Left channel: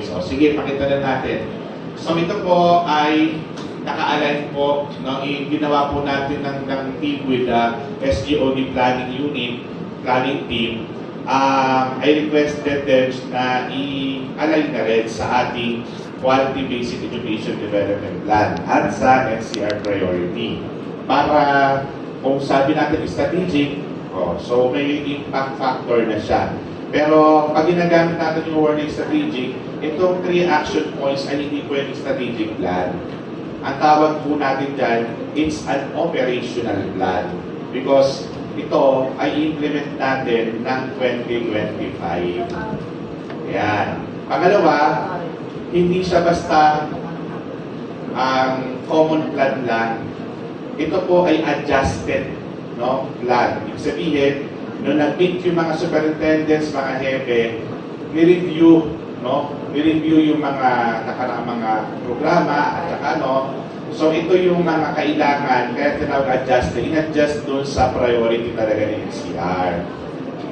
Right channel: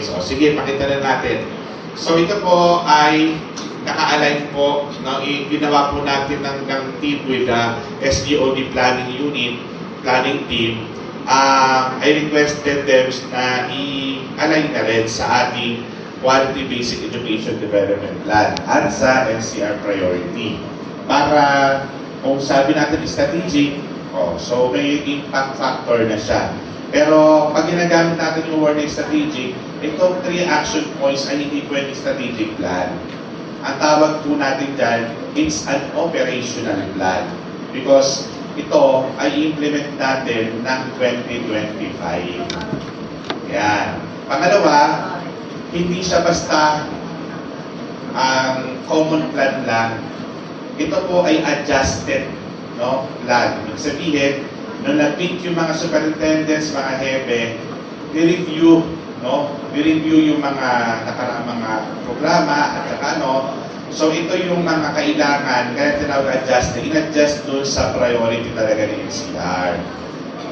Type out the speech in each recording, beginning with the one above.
points. O sige, pakita na natin. So ito po ay naka-align po, no, ginawa po natin ng team with the SGOD planning unit, planning team. I requested them na i-align na rin sa ating Quality Basic Education Development Plan at sa NCR priority. Para kung sabi natin strategic, so may impact factor na siya. Pero pag ginagamit natin yung word na strategic, itong 3 action points ay hindi pwedeng strategic plan. Ang tawag po natin dyan, it's an operational plan. Because ito ay implement natin ng 2025. Yan. Pangalawa, hindi siya basta ang common plan lang. Ito po ay adjusted, no, plan. Ibig sabihin, nung nag-meet yung mga superintendents, mga hepe, ni-review, no? Ni-review yung mga nakaraang mga programa at saka ano. So ito yung mga kailangan, kaya tinawag adjusted, in-adjust doon sa priority talaga ni NCR.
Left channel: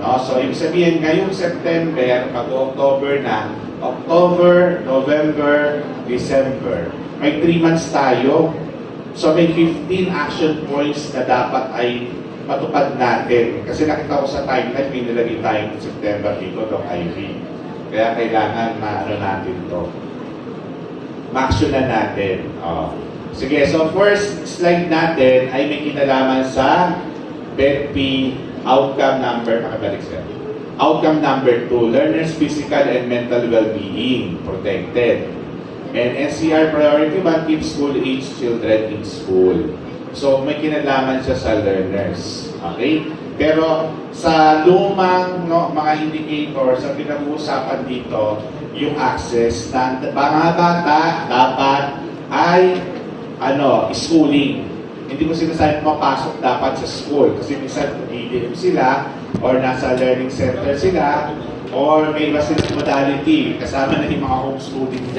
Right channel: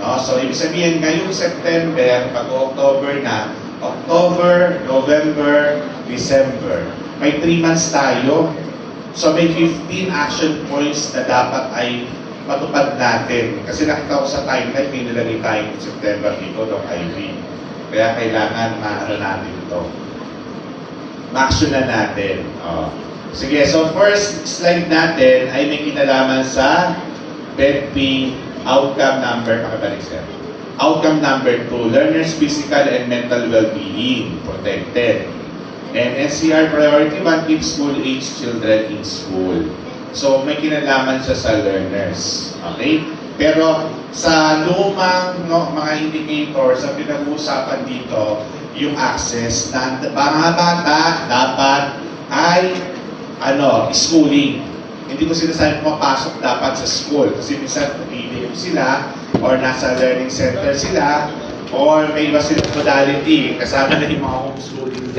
No? So ibig sabihin, ngayong September, pag-October na, October, November, December, may 3 months tayo. So may 15 action points na dapat ay matupad natin. Kasi nakita ko sa timeline, may nilagay tayong September dito, Doc Ivy. Kaya kailangan maano natin to. Ma-action na natin. Sige, so first slide natin ay may kinalaman sa BEDP outcome number, makabalik sir. Outcome number 2, learners' physical and mental well-being protected. And NCR priority 1, keep school-age children in school. So may kinalaman siya sa learners. Okay? Pero sa lumang mga indicators, ang pinag-uusapan dito, yung access na mga bata dapat ay schooling. Hindi ko sinasabi mapasok dapat sa school kasi minsan umiinom sila or nasa learning center sila or may iba silang modality kasama na yung mga homeschooling dyan.